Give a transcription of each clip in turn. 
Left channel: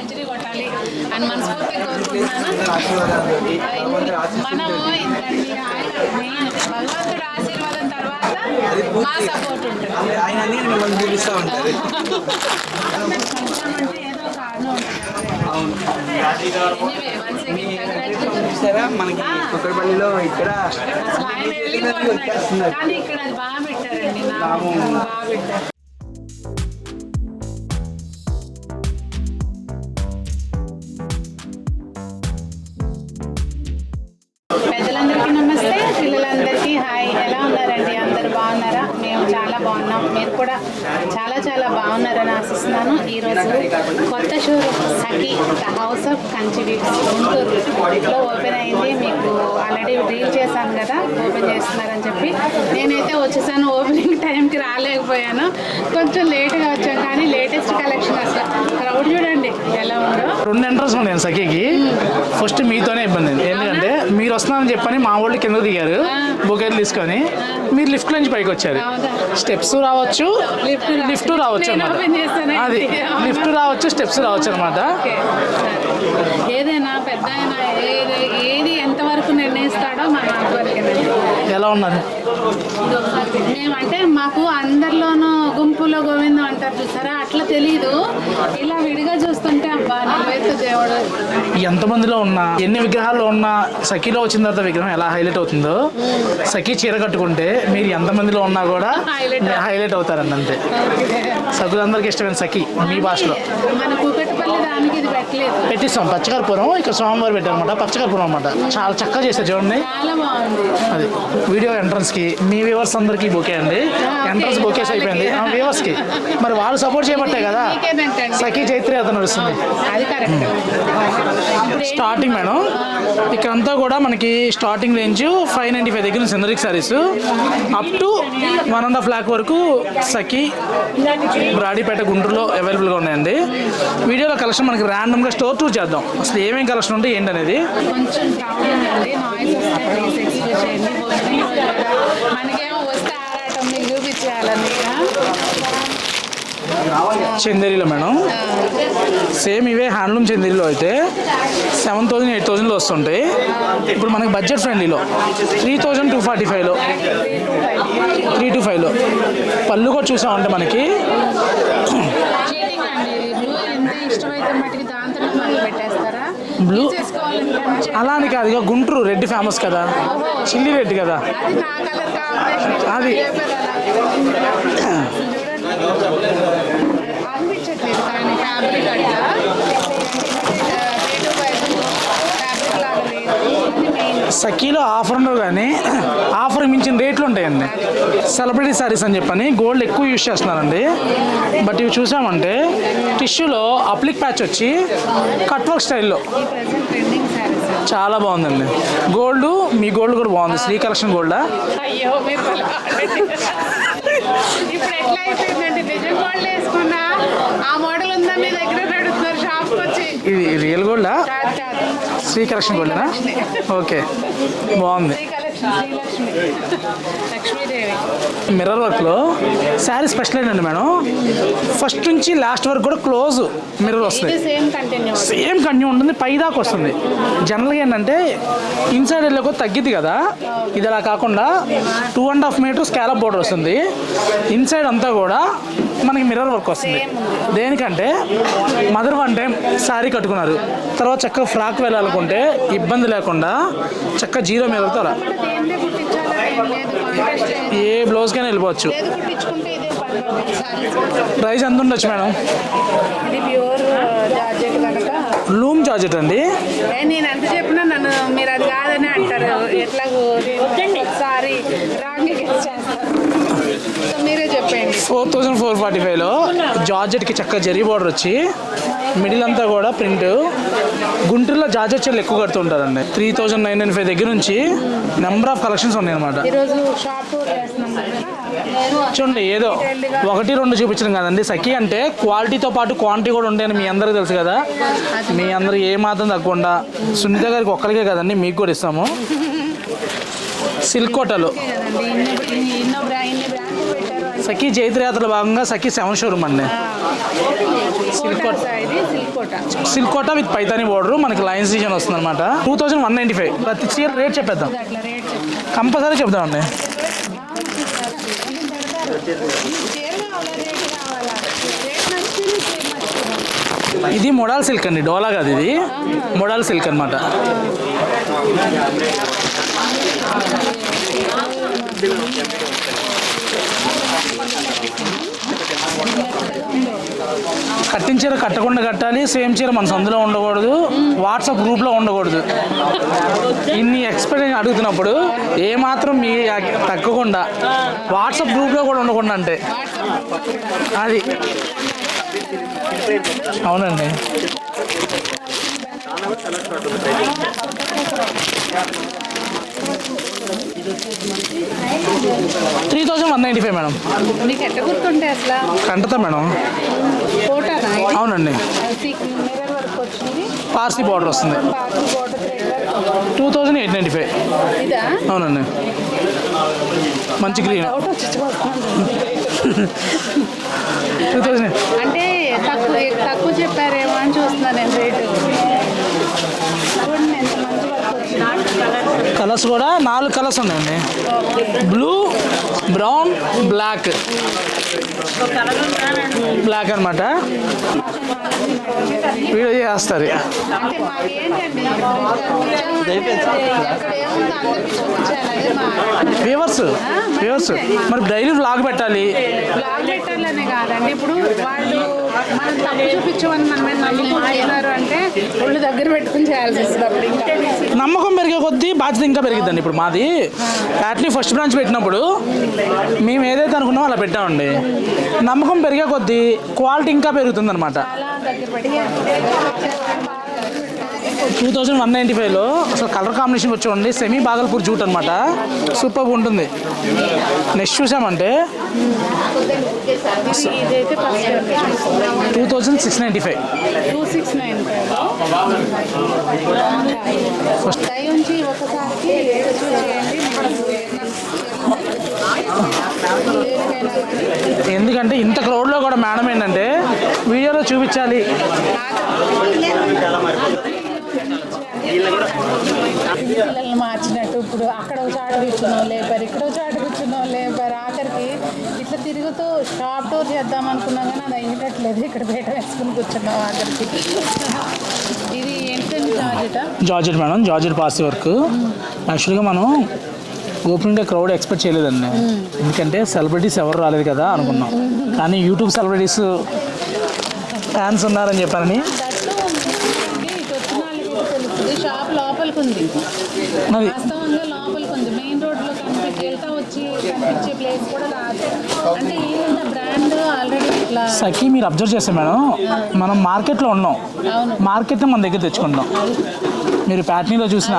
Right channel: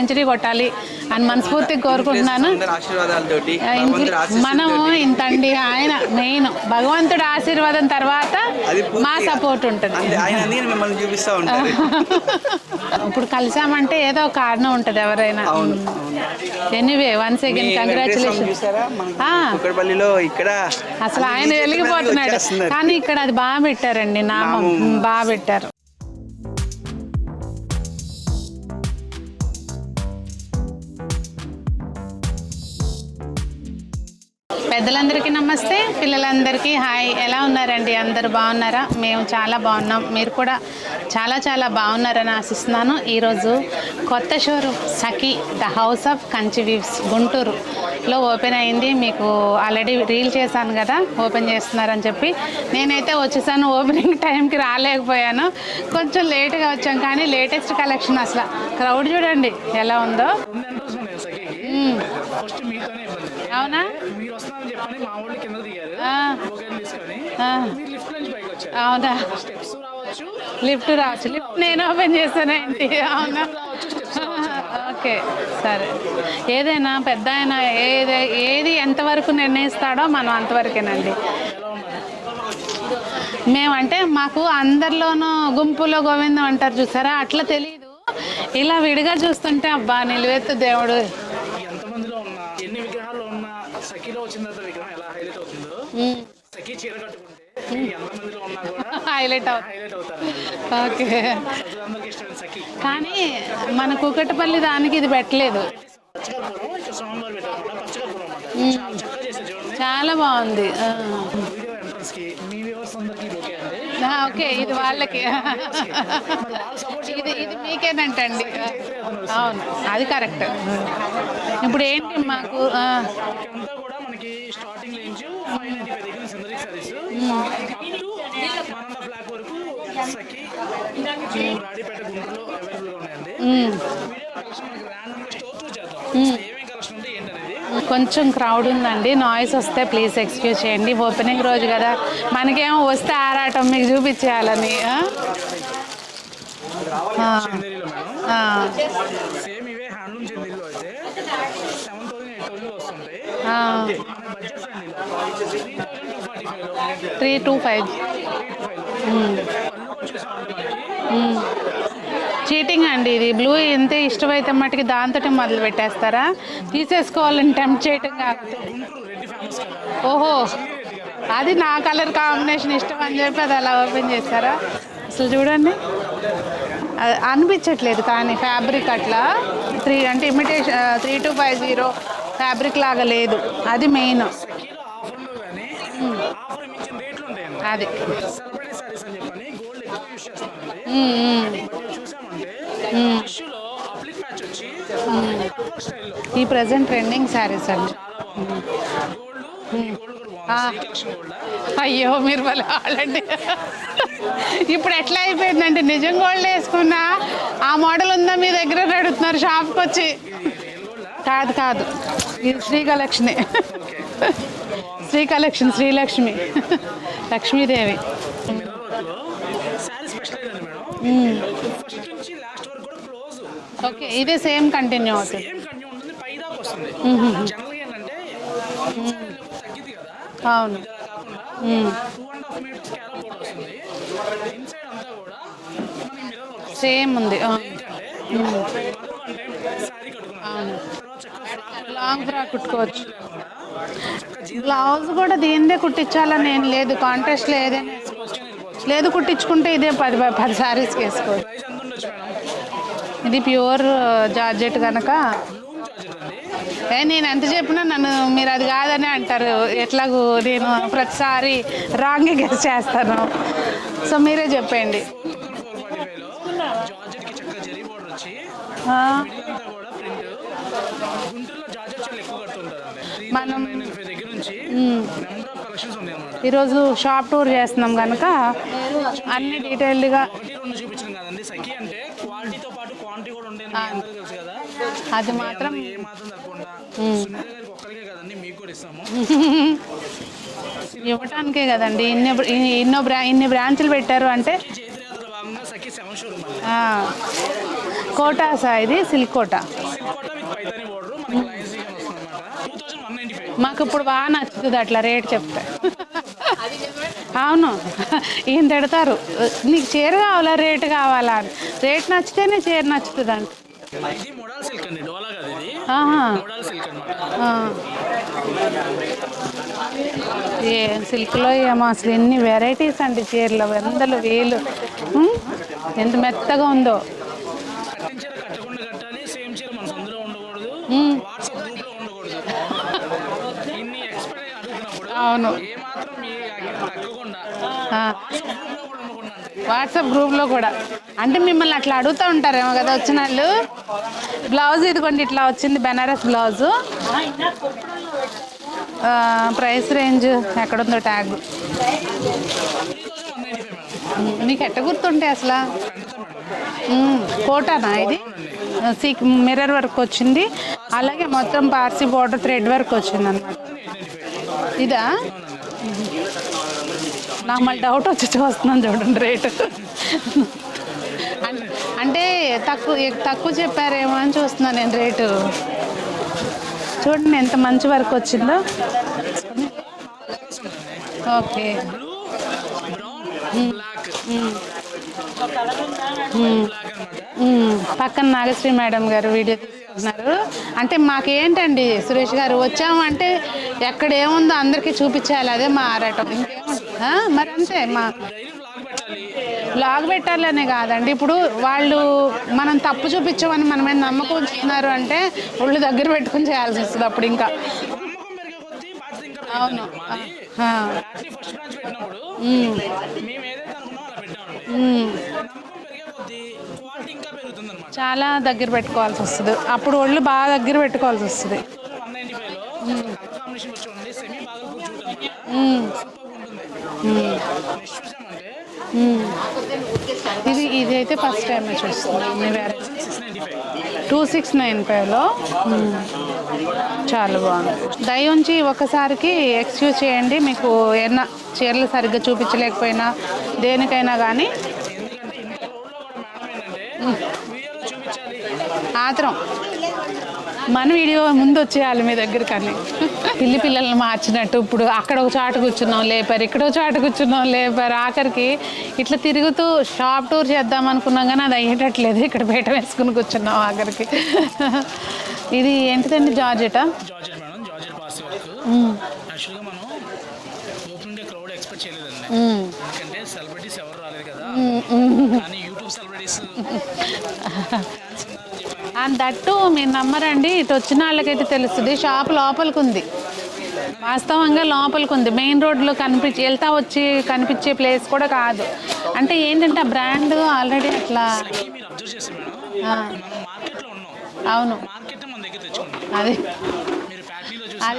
Century కొట్టాలి అని మనస్ఫూర్తిగా కోరుకుంటున్నాను. మనము ఇంతండి, ఆయన మెయిన్ భగవంతుడి ఆశీర్వాదం తర్వాత మా సపోర్ట్ ఉంటుంది. ఇప్పుడు కలిసామంటే ఏదో ఒక కారణం ఉంటుంది ఎవరైనా. Anyway once again congratulations. అసలు ఆయన వెలిగిపోతున్నాడు, కానీ ఇక్కడ అది బాగా పెట్టారండి, నామం బాగా పెట్టారు. పెద్దలందరికీ నమస్తే, పిల్లలందరికీ హాయ్. ఎలా ఉన్నారండి? అందరు బాగున్నారా? మేము చాలా బాగున్నాం, మీరు కూడా చాలా చాలా బాగున్నారని ఆశిస్తున్నాను. ఈరోజు కొత్త showroom Sakhi the house of Kanchi weaves గుంటూరులో ఓపెన్ అయింది. మీకు ఆల్రెడీ రీల్ చేశాను కదా, ఓపెన్ చేస్తున్నారని చెప్పి. నేనైతే వచ్చేసాను, ఓపెనింగ్ టైంకి రాలేకపోయాను, కొంచెం లేట్గా వచ్చాను. కానీ లేటెస్ట్ కలెక్షన్, అసలు క్రౌడ్ చూడండి ఎలా ఉందో. 2 ఎంట్రన్స్ ఉన్నాయి సఖీకి. ఫస్ట్ మీతోనే ఇబ్బంది, ఎందుకంటే మీరు వస్తున్నారని చెప్పని మా వాళ్ళు కింద దిగారు బొకేలు తీసుకొని, మీరు లిఫ్ట్ నుంచి పైకి వచ్చారు. స్టెప్స్ రావచ్చు, లిఫ్ట్ రావచ్చు అన్నమాట. అది లిఫ్ట్ రావచ్చు, స్టెప్స్ రావచ్చు అనమాట. ఏదైనా పెద్ద ఆయన ఏది ఎంతవరకు నిర్ణయిస్తాడో మనం అంతవరకేనండి. ఎలా ఉన్నారు? మేమంటే మాకు అందరిలోనూ గుంపులో గోవిందం అంటారు చూసారా, అట్లా తెలీదు. ఇలా విడిగా చూస్తుంటే అబ్బా నిలువెత్తు దేవుడు. ఎంతమందిలో ఉన్నా, ఎన్ని విగ్రహాల్లో ఉన్నా, సఖీలో వచ్చిన తర్వాత విగ్రహం ఎలా హైలైట్ అవుతుందో, సఖీ చీర కట్టుకుంటే మీరు ఎంతమందిలో ఉన్నా కూడా హైలైట్ అవుతారండి. అంతే, సభ్యులందరికీ ఇష్టమైన సఖీ మీ భాషలో. మన కుకట్పల్లి దానికి ఇది పెట్టలేదు, పెట్టిస్తాం. పచ్చకర్పూరం ఇక్కడ సోమవారం పెట్టారనమాట, పచ్చకర్పూరం అనమాట. చాలా చక్కగా చేశారు చూడండి, చాలా బాగుంది. అది వీడియో ఎంట్రన్స్ కి మీ వ్యూవర్స్ అందరికి బొకే అండి. ఎంట్రన్స్ బొకేస్ అయిపోయింది వ్యూవర్స్ కి. మరి వాళ్ళు సపోర్ట్ చేయబట్టే కదా సఖీ చైత్రి అతను నడుస్తుంది. అది కరెక్ట్. స్టార్టింగ్ మేడం ఇక్కడంతా కూడా మనకి స్టార్టింగ్ రేంజ్ 595 దగ్గర నుంచి సిందరిక్ సారీస్ అప్ టు 1.5 lakh వరకు సఖీ బ్రాడీపేట గుంటూరులో అవైలబుల్గా ఉన్నాయండి. వీడియోలో కలెక్షన్ మనకి ర్యాండమ్గా స్టోర్ టూర్ చేద్దాం, అసలు ఏమేమి కలెక్షన్ ఉంటే ఏంటనేది. కొంచెం క్రౌడ్ ఉందండి, నాయిస్ వస్తే ప్లీజ్ ఎక్స్క్యూజ్ చేయండి. ఓపెనింగ్ రోజు కదా, మనకేమో వస్తే ఆరాటం మీకు చూపించేయాలని. చందేరిలో మేడం సేమ్ ఇవే హ్యాండ్లూమ్ చందేరిలో అయితే 7,000 8,000లో వస్తుంటాయి. ఇప్పుడు మనకి బడ్జెట్ ఫ్రెండ్లీలో 3,245లో 325లో పళ్ళు కూడా చూసామంటే మనకి చీటింగ్ అండి. ఇది బ్లూ ఎంత ఇష్టమైతే మట్టుకి దాంతో మళ్ళీ పెట్టేస్తారా? తీసేసుకోవాలని టెంప్ట్ చేయండి. అలానే కాదు, ఇక గుంటూరు రెడ్ ఫేమస్ కదా, ఓహో చిల్లీ రెడ్ కదా, అది నా కలర్ కాంబినేషన్ ఇష్టం చెప్పారు. అలా ఓపెన్ చేస్తారా? అసలు చూడండి అనిపించట్లేదు, కానీ ఫ్యాబ్రిక్ అట్లా అంటే ఇమిటేషన్ 3250 ఫ్యాబ్రిక్ లాగా లేదు, అది మెయిన్. సఖీలో ఆఫర్ ఉండవు, కానీ ఆఫర్ మించిన రేట్లు ఉంటాయండి. సెలబ్రిటీ సారీస్ అని చెప్పని గోల్డ్ ఎక్కువ యూజ్ చేస్తున్నారండి. బట్ ఇవి చూసామంటే టిష్యూలో అప్లిక్ ప్యాచ్ వచ్చి కట్ వర్క్ స్టైల్లో ఈ ప్రెసెంట్ ట్రెండింగ్ సారీస్ చాలా బాగుందండి. గోల్డ్ మీ గోల్డ్ కూడా బాగుంది, శ్రీ కలెక్షన్ గోల్డా. అయ్యో మీరు ఇప్పుడు ఎట్లా అయిపోయిందంటే నిజం గోల్డ్ వేసుకున్నా ఆ మోడల్ ఉందా మీ దగ్గర అడుగుతున్నారు షాప్కి వచ్చి. ఇది రియల్ గోల్డా? కాదు కాదు, శ్రీ కలెక్షన్ కలెక్షన్. ఓకే బాగుంది. Sri collection, Srilakshmi, Lakshmidevi. Mirror work లో శారీ స్పెషల్ ఏంటండి మేడం, ఫస్ట్ నుంచి లాస్ట్ వరకు కూడా క్లోజ్ మిర్రర్ వస్తుంది. సేమ్ కంటిన్యూ ఉంటుంది, పై దాకా వస్తుంది. జనరల్గా ఏంటంటే ఇన్సైడ్ వెళ్ళకో తగ్గిద్ది కదా, ఇది అలా కాకుండా 2.5 మీటర్ స్కాలప్ బోర్డర్ వస్తుంది. ఇన్సైడ్ అంతా కూడా మనకి మిర్రర్ వర్క్ వస్తుంది. దేనికంటే మదర్ వన్ టైం శారీ కట్టుకున్నారు, తర్వాత చక్కగా ఫ్రాక్ వెళ్ళాలనుకుంటే ఇబ్బంది లేకుండా చక్కగా జీరో మీద దేనిదే కుట్టించాలని ఏం లేదు, కాంటెస్ట్ లేదు, ఏ బ్లౌజ్ కైనా వెళ్ళిపోవచ్చు. లేదు కుట్టించుకుంటే ఇదే 10 సారీస్. ప్రైస్ ఎంత ఉండొచ్చు మేడం? ఇది ప్యూర్ జార్జెట్ కనుక లూమ్ జార్జెట్ అండి. నేను ఎంత చెప్పినా నన్ను మీరు అది కాదని అంటారు. ఎట్లాగో నేను ప్రతిసారి రాంగ్ గెస్ చేస్తాను, సో మీరే చెప్పండి. 4,445లో జార్జెట్కి చక్కగా జరీ బార్డర్ వచ్చి మిడిల్ అంతా కూడా ప్రింట్. గుంటూరులో జార్జెట్ చీరలు ఎక్కువ కడుతుంటారండి. 3,995 దగ్గర నుంచి నెంబర్ ఆఫ్ కలెక్షన్స్ ఉన్నాయి అనమాట. ఈరోజు షాప్ టూర్ చేస్తున్నాం కనుక చూడండి, ఏదో 1-2 చూపించడం కదండి. సఖీ అంటే క్వాలిటీతో పాటు క్వాంటిటీ కూడా ఉంటాయని మీ అందరికీ తెలుసు కదా. మీ అందరూ ఏ మాత్రం తగ్గకుండా సునీత గారికి ఒక్కరికే కదండి, మీకు కూడా ఇస్తాము. సిల్క్ కోటలు కదండి ఇన్ని బ్రాంచ్లు పెట్టారు అంటే సఖీ జైత్రయాత్రలో భాగంగా సఖీ 7 షోరూమ్ అండి. కోటా ఇది silk Kota. Silk Kota with Paithani border మనకి లైన్స్ డిజైన్ వస్తుంది అనమాట. 2195. రేట్ చెప్పేద్దాం, అట్లా రేట్ చెప్తా కంపల్సరీ చెప్దామండి. అవును ఈయన తిడతారు, నీకు చీర కావాలా రేటు కావాలా, రేట్ నచ్చితేనే చీర నచ్చుతుందండి. ఇది మోడల్ సిల్క్ అండి, డోలా కాదు ఇది, మోడల్ సిల్క్ అనమాట. సిల్క్లో మాకు ఎన్ని వెరైటీస్ అండి, చీరలో వందలు వేలు, ఎంత మెత్తగా ఉందో. కట్టిన చీర కట్టకుండా కట్టాలి, సేమ్ చీర మన సందులో ఉండకూడదు, వాట్సాప్ గ్రూప్లో ఉండకూడదు. ఇన్ని ఎక్స్పెక్టేషన్ అడుగుతున్నప్పుడు ఏమాత్రం మీ తగ్గకుండా వాట్సాప్ గ్రూప్లో కూడా ఉండకుండా అంటే వాట్సాప్ గ్రూప్లో కూడా అది అంటే మిమ్మల్ని అట్లా అడుగుతూ ఉంటారేమో కదా వచ్చిన వాళ్ళు. అవునండి. బ్లౌజ్ ఇది కొంచెం ఇట్లా వచ్చింది, బెనారస్ బ్లౌజ్. ప్రైస్ రేంజ్ ఎక్కడుందో ట్యాగ్. 3195 మేడం. మీకు ఎట్ట గుర్తుంటే అసలు కంటతా మేడం. ఫోటోనా? అవునండి. మిర్రర్ వర్క్ వచ్చింది, పార్సీ బార్డర్ వస్తుంది, పార్సీ బార్డర్ థ్రెడ్ వర్క్ వచ్చింది. 2895. ఇదా? అవునండి. మంచి గ్రీన్. డౌట్ వచ్చి వస్తున్నాను చూడండి రేట్. 2000 అంటే తక్కువ చెప్పారేమో అని చూస్తున్నాను నేను రేటు. చూడండి ఎంత మంచి వర్క్ వచ్చిందో. కలర్స్ కూడా 4 కలర్స్ ఉన్నాయండి. Okay. Blue, brown, black. Black అనమాట. పక్కన నాగశ్రీ మేడం గారు వీడియో చేస్తారు. అంటే మాకు ఏంటండి సురేష్ గారు, వచ్చాము అంటే ఎక్కడ ఏముందో అందరికీ చూపించాలి, అదే మా వ్యూవర్స్. మరి డైలీ వ్లాగ్ పెట్టాలి. వ్లాగ్ పెట్టాలనే కాదండి, ఇప్పుడు వాళ్ళు మనం తప్పు చూపించమని మనమే నమ్మకం చేశారు అంటే ఒళ్ళు దగ్గర పెట్టుకుని చేయాల్సి వస్తుంది. అప్పుడు ఇంకా నమ్మకం పెరిగే కొద్దీ బాధ్యత ఇంకా పెరిగిద్దండి. ఇప్పుడు మాది యాక్చువల్లీ ఫస్ట్ బ్రాంచ్ పెట్టినప్పుడు మేము ఏదైతే అనుకున్నామో అలా పెట్టామండి. నమ్మకం పెరిగే కొద్దీ క్వాలిటీ ఇంకా పెరుగుతుంది అనమాట. చాలా దగ్గర పెట్టుకోవాల్సి వస్తుంది, అప్పుడు ఒళ్ళు బాగా దగ్గర పెట్టుకోవాల్సి వస్తుంది. 2195లో అసలు కలర్ కాంబినేషన్ వచ్చి సెమీ బాగల్పూర్ జూట్ అనమాట. సూపర్ ఉంటుంది. నెక్స్ట్ చూసామంటే ఇదైతే ఫస్ట్ 2695. 2695లో చాలా బాగుంది. దయ ఉంచి ఒకసారికి ఎక్స్క్యూజ్ చేయండి, మీకు ఏమన్నా చీరలు సరిగ్గా చూపించలేకపోయినా దేనికైనా కానీ. ఎందుకంటే ఇంత క్రౌడ్లో కూడా మేడం ఏంటంటే వీడియోలో చూపించాలి, మాత్రం మన వీడియో ముందు వచ్చేయాలి మీ దగ్గర. కానీ పిల్లల్ని మార్చినట్టు ఇప్పుడు అక్కడ ఒక చాటు కూర్చున్నాం లేపారు, ఇక్కడ ఒక చాటు కూర్చున్నాం లేపారు, ఆఖరికి ఇట్లా తిరుగుతూ షాప్ టూర్ చేద్దాం అనుకున్నాం కానీ అది అయ్యేటట్లేదు. ఇక్కడ పీట వేసుకుని కూర్చున్నాం ఆఖరికి. ఇది ఏంటండి georgette madam, georgette Parsi work. యాక్చువల్గా మనం ఓపెనింగ్ డే క్రౌడ్ ఎక్స్పెక్ట్ చేయలేదండి, ఎందుకంటే సెలబ్రిటీస్ ఎవరు రాలేదు కదా అనుకున్నాం. కానీ యూట్యూబ్ సెలబ్రిటీస్ ఫ్యాన్స్ ఉన్నారని చెప్పారని. దట్టు మీరు నమ్మరండి, ఇటు వచ్చిన వాళ్ళకైతే తెలుస్తుంది. షాప్ లోపలికి ఉంది, వాస్తవంగా లోపలికి ఉంది. మెయిన్ రోడ్లో కనిపించే ప్లేస్ కూడా కాదు. అంటే ఏంటంటే ఆ బ్రాండ్ ఆల్రెడీ ఇట్లా. సఖీ మీరు అబ్జర్వ్ చేస్తే మేడం, మనం మార్కెట్లో ఉన్నాం, మార్కెట్లో మన దగ్గర తెచ్చుకుంటాం. మీరు ప్యాట్నీలో చూసిన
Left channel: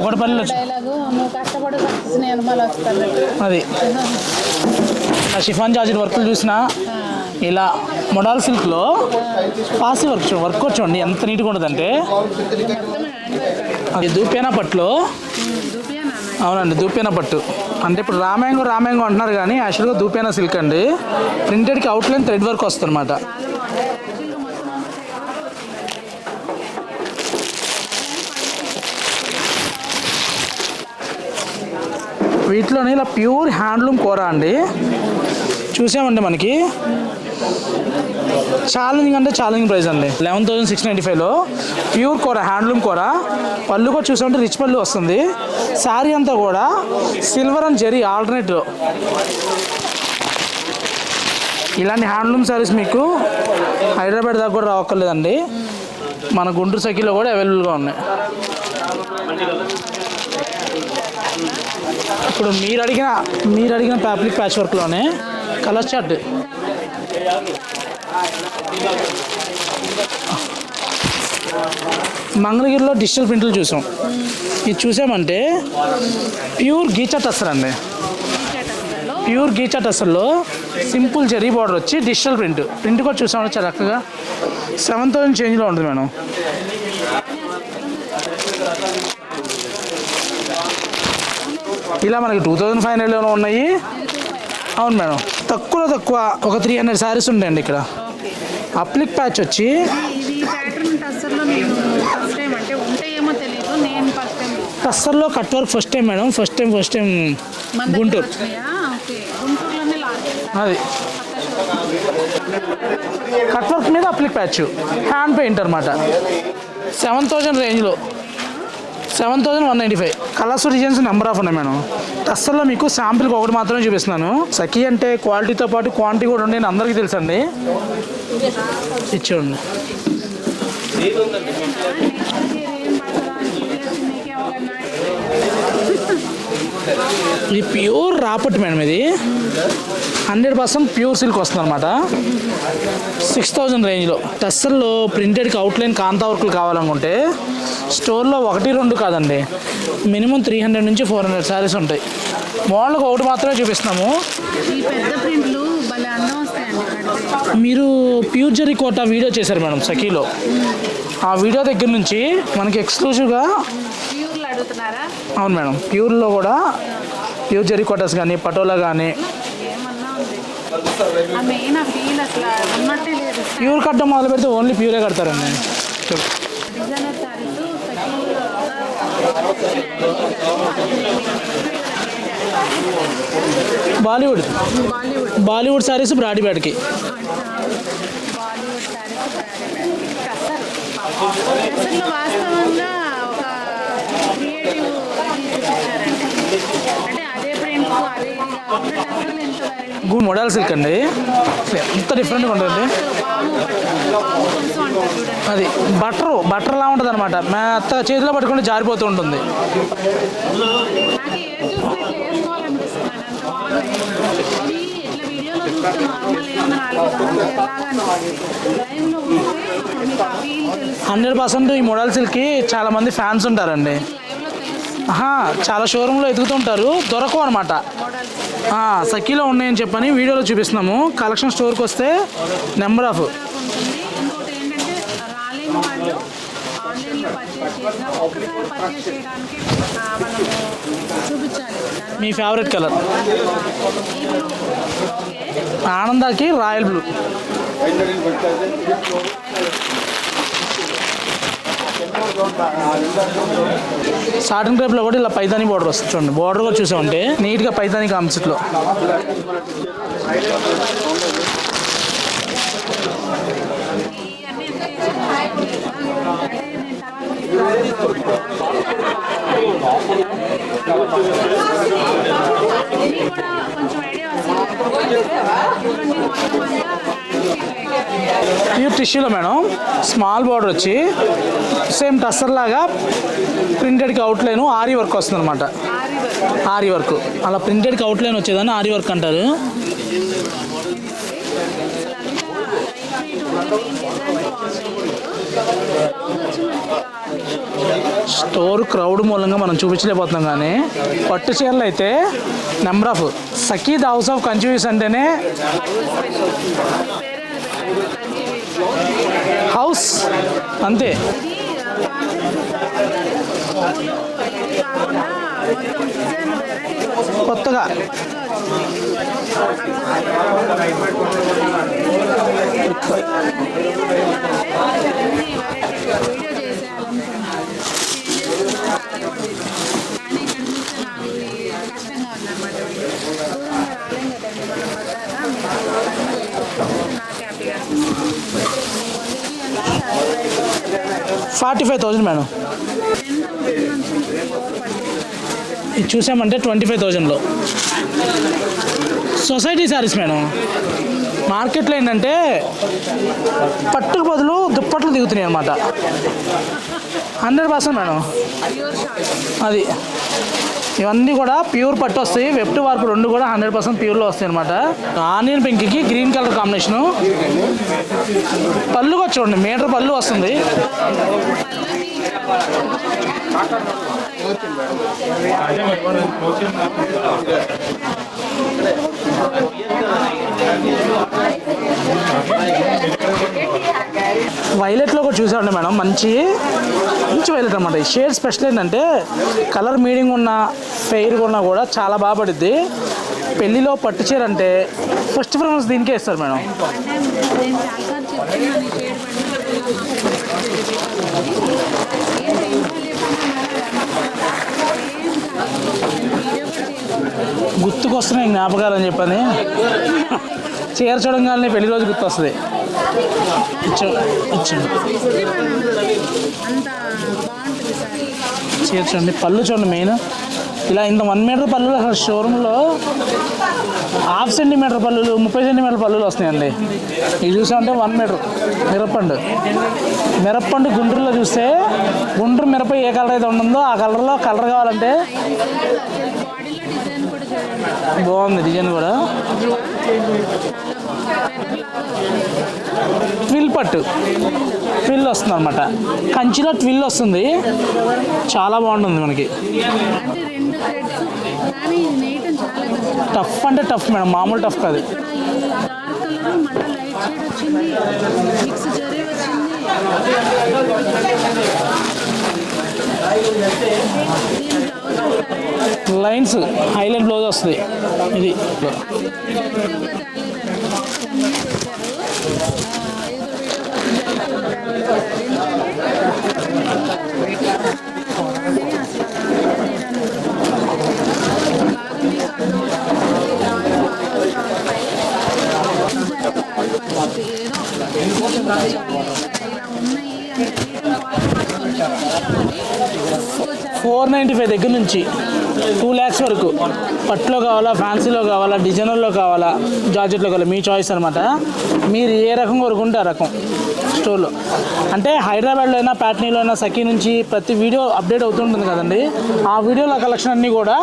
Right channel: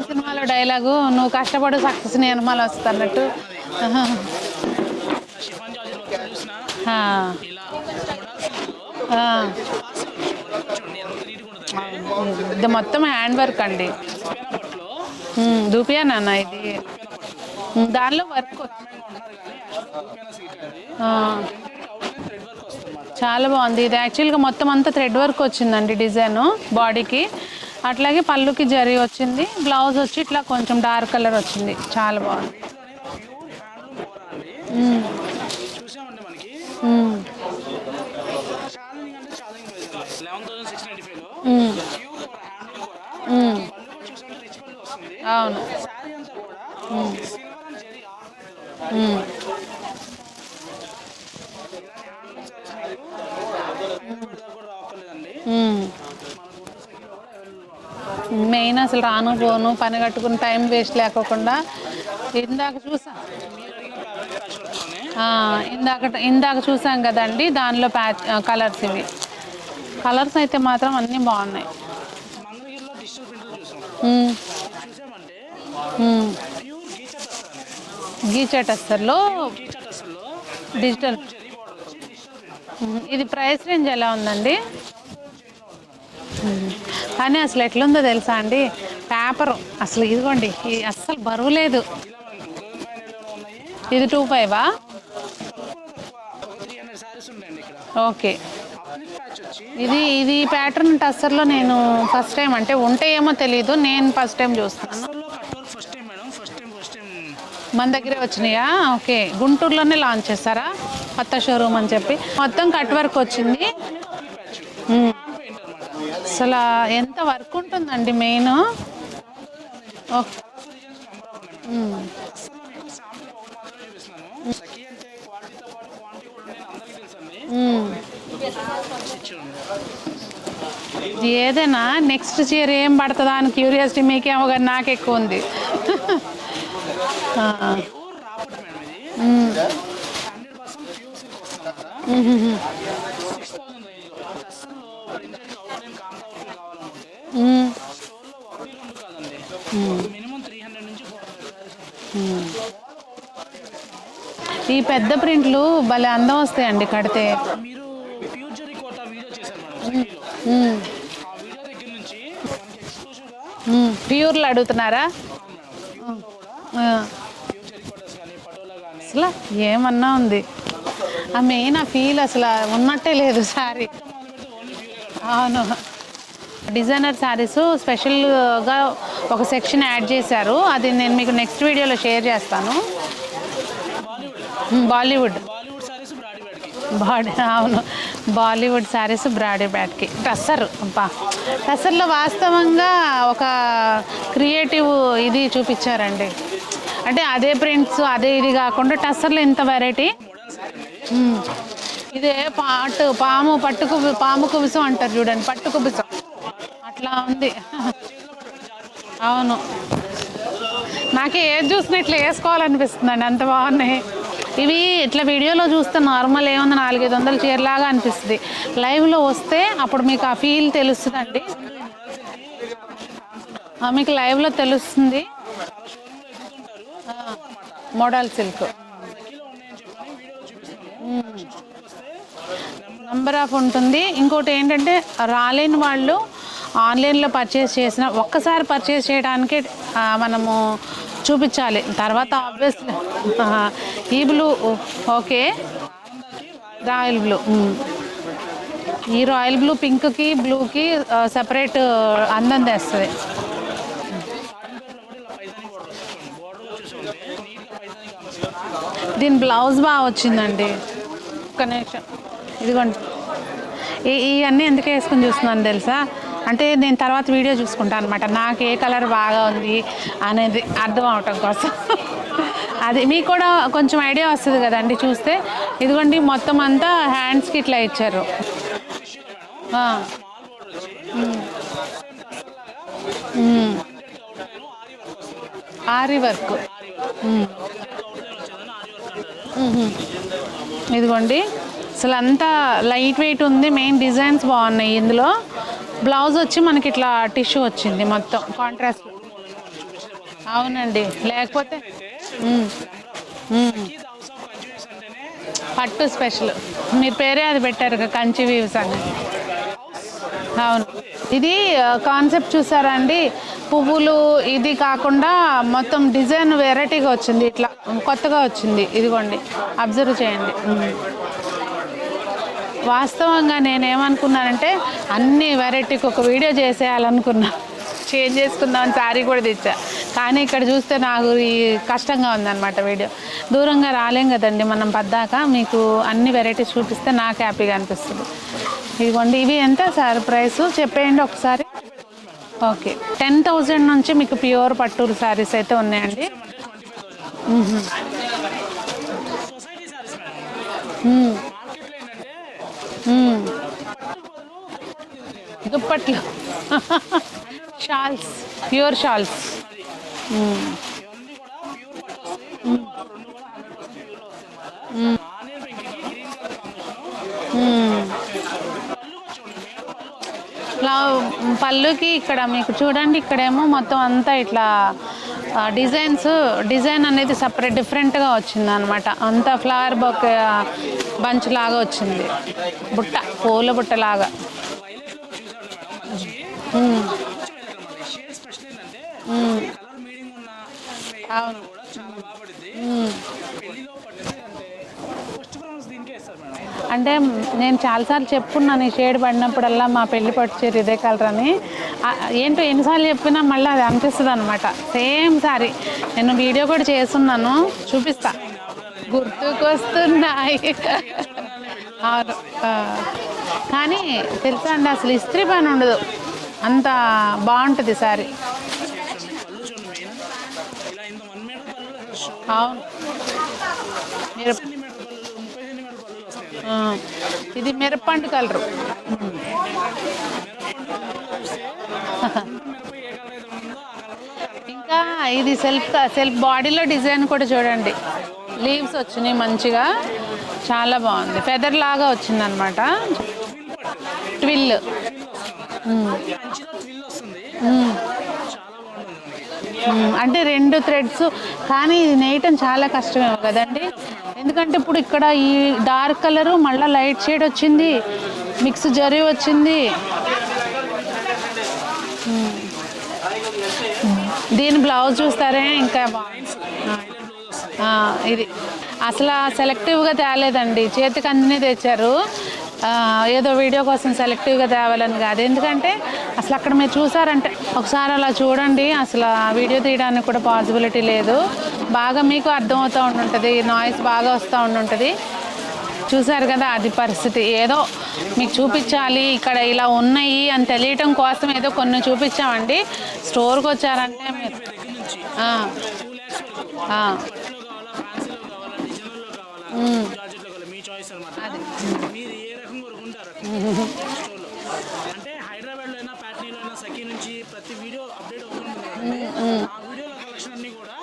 ఒకటిపల్లిలో డైలాగు, నువ్వు కష్టపడి సక్సెస్ నిర్మల్ వస్తారు అది. షిఫాన్ జార్జెట్ వర్క్ చూసిన ఇలా మోడల్ సిల్క్లో పాసి వర్క్ వచ్చండి ఎంత నీట్గా ఉంటుందంటే మొత్తం హ్యాండ్ వర్క్ అండి. అది దూపేనా పట్టులో. అవునండి, దూపేనా పట్టు అంటే ఇప్పుడు రామాయంగో అంటున్నారు కానీ యాక్చువల్గా దూపేనా సిల్క్ అండి. ప్రింటెడ్కి అవుట్లైన్ థ్రెడ్ వర్క్ వస్తుంది అనమాట. చాలా బాగుంది. ఇది యాక్చువల్గా మొత్తం అంతా థ్రెడ్ వర్క్ వచ్చిందండి డిజైన్ బాడీకి. అట్లాగే పళ్ళుకి జరీ వచ్చింది, బ్లౌజ్ వచ్చి ఇట్లా కొంచెం డార్క్ కలర్ వచ్చింది. చాలా బాగుంది. వీటిలోనే ఇలా ప్యూర్ హ్యాండ్లూమ్ కూర అండి. చూసామండి మనకి ఛాలెంజింగ్ అంటే ఛాలెంజింగ్ ప్రైస్ అండి. 11,695లో ప్యూర్ కూర, హ్యాండ్లూమ్ కూర. పళ్ళు కూడా చూసామంటే రిచ్ పళ్ళు వస్తుంది. శారీ అంతా కూడా సిల్వర్ అండ్ జెరీ ఆల్టర్నేటివ్. ఇలాంటి హ్యాండ్లూమ్ శారీస్ మీకు హైదరాబాద్ దాకా కూడా రావక్కర్లేదండి, మన గుంటూరు సైకిల్లో కూడా అవైలబుల్గా ఉన్నాయి. మెయిన్ అసలు రాను పని కట్టుకుని టైం వేస్ట్ లేకుండా ఇప్పుడు మీరు అడిగిన ఫ్యాబ్రిక్ ప్యాచ్ వర్క్లోనే కలర్ చార్ట్ ఇందాక చూసాం కదండి, దానిలో కలర్స్ అయితే మాత్రం అన్నీ బాగున్నాయి. మంగళగిరిలో డిజిటల్ ప్రింట్లు చూసాం. ఇది చూసామంటే ప్యూర్ గీచా టస్సర్ అండి. ప్యూర్ గీచా టస్సర్లో సింపుల్ జెరీ బార్డర్ వచ్చి డిజిటల్ ప్రింట్ కూడా చూసాం. 7,000 చేంజ్లో ఉంటుంది మేడం. కానీ అసలు ఎట్లుందో తెలుసా అండి, పేపర్ అసలు ఇవ్వండి, అసలు బరువు లేదు. ఇలా మనకి 2500 ఉన్నాయి. ఇది 25 అవును మేడం. తక్కువ ఒక 300 శారీస్ ఉంటాయండి ఇక్కడ. ఓకే. అప్లిక్ ప్యాచ్ వచ్చి ఇది ప్యాటర్న్ టస్సర్లో నేను ఫస్ట్ టైం, అంటే ఉంటాయేమో తెలియదు, నేను ఫస్ట్ టైం చూస్తాను. టస్సర్లో cut work first time madam. First time మన దగ్గర వచ్చినాయా? ఓకే, గుంటూరులోనే లాంచ్ చేస్తారా కొత్త షోరూమ్ అని చెప్పి. మొత్తం కట్ వర్క్ వచ్చింది. కట్ వర్క్ మీద అప్లిక్ ప్యాచ్, హ్యాండ్ పెయింట్ అనమాట. అసలు 7000 రేంజ్లో main 7195 colours, designs, number of ఉన్నాయి మేడం. టస్సర్లో మీకు శాంపిల్కి ఒకటి మాత్రమే చూపిస్తున్నాను. సఖీ అంటే క్వాలిటీతో పాటు క్వాంటిటీ కూడా ఉండే అందరికీ తెలుసండి. ఇచ్చేయండి. ఏదైనా నెక్స్ట్ చీర ఏం పడుతుందా అని క్యూరియాసిటీ మీకేమో, కానీ నాకు ఎక్కువ ఉంది. ఇది ప్యూర్ రాపట్టు మేడం. ఇది 100% ప్యూర్ సిల్క్ వస్తుంది అనమాట. 6000 రేంజ్లో. టస్సర్లో ప్రింటెడ్కి అవుట్లైన్ కాంతా వర్కులు కావాలనుకుంటే స్టోర్లో 1-2 కాదండి, మినిమం 300 నుంచి 400 శారీస్ ఉంటాయి. మోడల్కి ఒకటి మాత్రమే చూపిస్తున్నాము. ఈ పెద్ద ప్రింట్లు భలే అందం వస్తాయండి కడితే. మీరు ప్యూర్ జరీ కోట వీడియో చేశారు మేడం సఖీలో. ఆ వీడియో దగ్గర నుంచి మనకి ఎక్స్క్లూజివ్గా ప్యూర్లు అడుగుతున్నారా? అవును మేడం. ప్యూర్లో కూడా ప్యూర్ జరీ కోటర్స్ కానీ పటోలా కానీ ఏమన్నా ఉంది. ఆ మెయిన్ ఫీల్ అసలు ఉన్నట్టే లేదు. ప్యూర్ కట్టడం మొదలు పెడితే ఓన్లీ ప్యూరే కడతారండి. డిజైనర్ శారీస్ స్పెషల్గా ఒక సెక్షన్ యాడ్ చేశారు. అది నేను మీకు నెక్స్ట్ వీడియోలో షేర్ చేస్తాను. బాలీవుడ్ శారీస్ బ్రాడీబ్యాడ్కి. బాలీవుడ్ శారీస్ బ్రాడీబ్యాడ్కి. టస్సర్లో వాస్తవంగా ఒక క్రియేటివ్ ఇది చూపించారండి. అంటే అదే ప్రింట్స్ అదే ఇది కాకుండా టస్సర్లో ఇంత వెరైటీ. మోడల్ సిల్క్ అండి, ఎంత డిఫరెంట్గా ఉంటుంది. పాము కుంసం అంటారు చూడండి. అది బట్టర్లా ఉంటుంది అనమాట. మెత్త చేతిలో పట్టుకుంటే జారిపోతూ ఉంటుంది. నాకు ఏది చూసినా ఇట్లా వేసుకోవాలనిపిస్తుందండి, అంత బాగున్నాయి. ఇవి ఇట్లా వీడియోలో చూస్తే నార్మల్ ఏమన్నా 400-500 చీరలాగా అనిపిస్తుంది. లైవ్లో వస్తే అప్పుడు మీకు ఆ ఫీల్ తెలుస్తుంది. 100% ఈ మోడల్ సిల్క్కి చాలా మంది ఫ్యాన్స్ ఉంటారండి. మీకు లైవ్లో తెలుస్తుంది. చాలా షోరూంలో ఎదుగుతుంటారు, దొరకవు అనమాట మోడల్ సిల్క్. సఖీలో ఉన్నాయని చెప్పని వీడియోలో చూపిస్తున్నాము. కలెక్షన్ స్టోర్కి వస్తే నెంబర్ ఆఫ్ ఉంటుంది. ఇంకోటి ఏంటంటే రాలేని వాళ్ళు ఆన్లైన్లో పర్చేస్ చేసిన ఒక్కసారి పర్చేస్ చేయడానికి మనము చూపించాలి. తర్వాత ఫేవరెట్ కలర్ ఈ బ్లూ. ఓకే, ఆనందాకి రాయల్ బ్లూ. ఈ రాయల్ బ్లూ పింక్కి బ్లూకి సపరేట్ అందం తెస్తుంది. సాటిన్ క్రేప్లో కూడా ఇలా పైతాని బార్డర్ వస్తుంది చూడండి. బార్డర్ కూడా చూసామంటే నీట్గా పైతాని కాన్సెప్ట్లో. దీని బ్లౌజ్ బాగా వచ్చిందండి. ఇదిగోండి, ఇవన్నీ ఎందుకు వేసుకుని చూస్తున్నాను తెలుసా? అంటే నేను తర్వాత వీడియో చూసుకుంటాను అనమాట, నాకు ఏ కలర్ బాగా ఉంది అనేది అర్థం అవటం కోసం. అది మీకు కూడా కొంచెం ఐడియా వస్తుంది కదండి చూస్తే. ఇదిగోండి మొత్తం అంతా హ్యాండ్స్కి ఇట్లా ఇచ్చారు. ప్యూర్ టిష్యూలో మేడం, స్మాల్ బార్డర్ వచ్చి సేమ్ టస్సర్ లాగా ప్రింటెడ్కి అవుట్లైన్ ఆరీ వర్క్ వస్తుంది అనమాట. ఆరీ వర్క్ అలా ప్రింటెడ్కి అవుట్లైన్ వచ్చేదాన్ని ఆరీ వర్క్ అంటారు. ఇదిగోండి అసలు అంతా లైట్ వెయిట్ ఉంది. మెయిన్ డిజైన్స్ బాగున్నాయి. ఇందులో బ్లౌజ్ వచ్చి మనకి ఇట్లా టిష్యూ వచ్చింది. మొత్తం స్టోర్ క్రౌడ్ మూలంగా మనం చూపించలేకపోతున్నాం, కానీ పట్టు చీరలు అయితే number of. Sakhi the house of Kanchi weaves అంటేనే పట్టు స్పెషల్. మీ పేరే అది పెట్టారు కదా, కంచి వీవ్స్ అంటే హౌస్ అంతే. ఇది కాన్సెప్ట్ చూసారా అండి? పువ్వులు ఇది కాకుండా మొత్తం డిజైన్ వెరైటీగా వచ్చింది, కొత్తగా వచ్చింది. ఇదిగోండి అబ్జర్వ్ చేయండి. వాస్తవంగా నేనేమనుకున్నానంటే అన్ని వెరైటీకి ఒక వీడియో చేసేయాలనుకున్నా, చేంజ్ చేసుకున్నాను, శారీ కూడా తెచ్చా. కానీ ఇక్కడ చూస్తే నాకు ఈ కష్టంగా ఉందన్నమాట. వీడియో దూరంగా రాలేం కదండి మనం పద్దాక. మీకు అన్ని వెరైటీస్ చూపిస్తే నాకు హ్యాపీగా అనిపిస్తుంది. ఇదిగోండి, ఇది ఎంత సార్ ప్రైస్ చెప్పేయండి ఒకసారి. 45,000 మేడం. ఓకే, 10,000 నుంచి మీకు ప్యూర్ పట్టు శారీస్ అయితే ఉన్నాయి. చూసామంటే 25,000లో సొసైటీ శారీస్ మేడం. మార్కెట్లో ఏంటంటే పట్టుకు బదులు దుప్పట్లు దిగుతున్నాయి అనమాట. 100% మేడం ప్యూర్ షాల్స్. అది ఇవన్నీ కూడా ప్యూర్ పట్టు వస్తాయి. వెబ్ వర్క్ రెండు కూడా 100% ప్యూర్లో వస్తాయి అనమాట. ఆనియన్ పింక్కి గ్రీన్ కలర్ కాంబినేషను. పళ్ళుగా చూడండి, మీటర్ పళ్ళు వస్తుంది. పళ్ళుకి ఇక్కడ ఇక్కడ మీకు చూడండి, ఇక్కడేమో మొత్తం అంతా ఇట్లా డిజైన్ అనేది సపరేట్ డిఫరెంట్గా వచ్చింది అనమాట. అంతా ఫ్లవర్ బంచ్ లాగా వచ్చింది, బుట్ట పూల బుట్ట లాగా. వైలెట్లో కూడా చూసామండి మేడం, మంచి వైలెట్ అనమాట. ఈ షేడ్ స్పెషల్ ఏంటంటే కలర్ మీడియం ఉన్న ఫెయిర్ ఉన్నా కూడా చాలా బాగా పడుద్ది. పెళ్లిలో పట్టు చీర అంటే ఫస్ట్ ప్రిఫరెన్స్ దీనికే ఇస్తారు మేడం. అంటే నేను చాలాసార్లు చెప్పుకున్నాను, ఈ షేడ్ పడినప్పుడల్లా మా పెళ్లి పట్టు చీర ఇదే కలర్ అని. ఏంటో ఎన్నిసార్లు చెప్పినా మళ్ళీ అది అనిపిస్తుంది అనమాట. సేమ్ సారీ నేను వీడియో కూడా చేస్తున్నాను, గుర్తుకొస్తున్నాయి జ్ఞాపకాలు అని చెప్పని. చీర చూడంగానే పెళ్లి రోజు గుర్తొస్తుంది. కానీ తెచ్చుకోండి, అసలు ఇస్త్రీ పని ఉండదు, అంత బాగుంటుంది సారీ. చీర చూడండి, పళ్ళు చూడండి. మెయిన్ ఇలా ఇంత 1 మీటర్ పళ్ళు అసలు షోరూంలో ½ సెంటీమీటర్ పళ్ళు, 30 సెంటీమీటర్ పళ్ళు వస్తున్నాయండి. ఇది చూసామంటే 1 మీటర్. మిరప్పండు గుంటూరులో చూస్తే గుంటూరు మిరప ఏ కలర్ అయితే ఉంటుందో ఆ కలర్లో కలర్ కావాలంటే ఇది సెల్ఫ్ బాడీలో డిజైన్ కూడా చూడండి, బాగుంది. డిజైన్ కూడా మంచిగా చాలా బాగుంది, ఫెదర్ లాగా వచ్చింది అనమాట. ట్విల్ పట్టు, ట్విల్ వస్తుంది అనమాట. కంచిలో ట్విల్ వస్తుంది, చాలా బాగుంటుంది మనకి. అంటే 2 థ్రెడ్స్, కానీ ఇది నేయటం చాలా కష్టమే. టఫ్ అంటే టఫ్ మేడం, మామూలు టఫ్ కాదు. ఇక్కడ ఈ డార్క్ కలర్ మళ్ళీ లైట్ షేడ్ వచ్చింది, మిక్స్ జరీ వచ్చింది. దీని బ్లౌజ్ చూస్తారే, ఇంకా లైన్స్ హైలైట్ బ్లౌజ్ వస్తుంది. ఇది అసలు సెలెక్టివ్గా తేలేదండి, చేతికి అన్నీ తెచ్చారు. ఏదో వీడియో కోసం సెలెక్టివ్గా తేవాలని కాదు, ఎందుకంటే అసలు అక్కడ మీరు చూసారంటే ఒకసారి అలా చూడండి, అసలు వీడియో తీయడానికి కూడా పాసిబిలిటీ లేదు. బాగా మీకు అర్థమవుతూ ఉంటుంది, నాయిస్ బాగా వస్తూ ఉంటుంది. చూసారు కదా, అది పరిస్థితి. ఏదో మీకు చూపించాలి, ఇక్కడ ఇలా ఉన్నాయి అని తెలియటం కోసం ఏదో కొన్ని చూపించామండి. స్టోర్కి వచ్చారు 495 దగ్గర నుంచి 2 lakhs వరకు. పట్టులో కావాలా, ఫ్యాన్సీలో కావాలా, డిజైనర్లో కావాలా, జార్జెట్లో కావాలా, మీ చాయిస్ అనమాట. మీరు ఏ రకం కొనుక్కుంటే ఆ రకం స్టోర్లో. అంటే హైదరాబాద్లో అయినా, ప్యాట్నీలో అయినా, సఖీ నుంచి ప్రతి వీడియో అప్డేట్ అవుతుంటుంది కదండి. ఆ వీడియోల కలెక్షన్ అన్నీ కూడా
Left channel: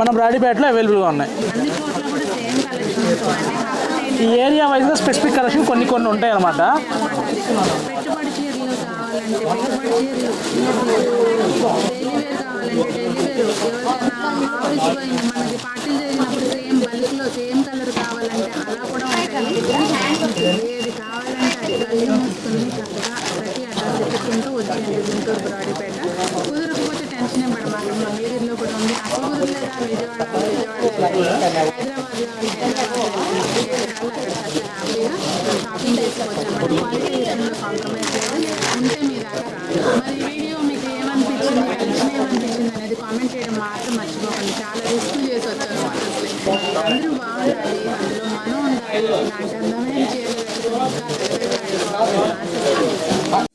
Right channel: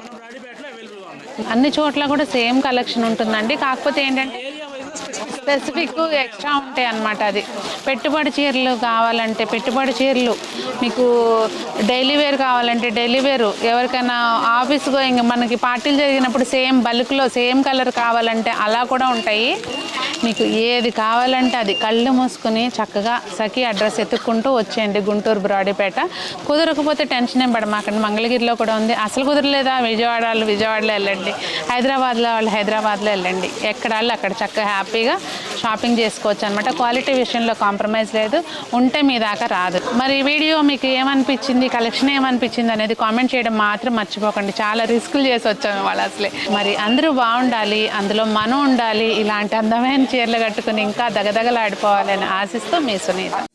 మన బ్రాడీపేటలో అవైలబుల్గా ఉన్నాయి. అన్ని చోట్ల కూడా సేమ్ కలెక్షన్ ఉంటుందండి, కాకపోతే ఏంటంటే ఏరియా వైజ్గా స్పెసిఫిక్ కలెక్షన్ కొన్ని ఉంటాయి అనమాట. అది పెట్టుబడి చీరలు కావాలంటే పెట్టుబడి చీరలు, మీకు డైలీ వేర్ కావాలంటే డైలీ వేర్, ఎవరికైనా ఆఫీస్ గోయింగ్ మనకి పార్టీలు జరిగినప్పుడు సేమ్ బల్క్లో సేమ్ కలర్ కావాలంటే అలా కూడా ఉంటాయి. మీకు ఏది కావాలంటే అది కళ్ళు మూసుకుని చక్కగా సఖీ అడ్రస్ ఎత్తుక్కుంటూ వచ్చేయండి, గుంటూరు బ్రాడీపేట. కుదరకపోతే టెన్షన్ ఏం పడమాకండి, మంగళగిరిలో కూడా ఉంది. అసలు కుదరలేదా విజయవాడలో వెళ్ళండి, హైదరాబాద్లో హైదరాబాద్లో వెళ్ళండి, ఎక్కడ వాళ్ళు అక్కడ చక్కగా హ్యాపీగా షాపింగ్ చేసుకోవచ్చు అనమాట. క్వాలిటీ విషయంలో కాంప్రమైజ్ లేదు, ఉంటే మీ దాకా రాదు. మరి ఈ వీడియో మీకు ఏమనిపించింది, కలెక్షన్ ఏమనిపించింది అనేది కామెంట్ చేయడం మాత్రం మర్చిపోకండి. చాలా రిస్కులు చేసి వచ్చాము వాళ్ళు అసలే. మరి అందరూ బాగుండాలి, అందులో మనం ఉండాలి, ఇలాంటి అందమైన చీరలు కట్టుకుని ఇంకా దగదగలాడుకోవాలి అని ఆశిస్తూ మీ సునీత.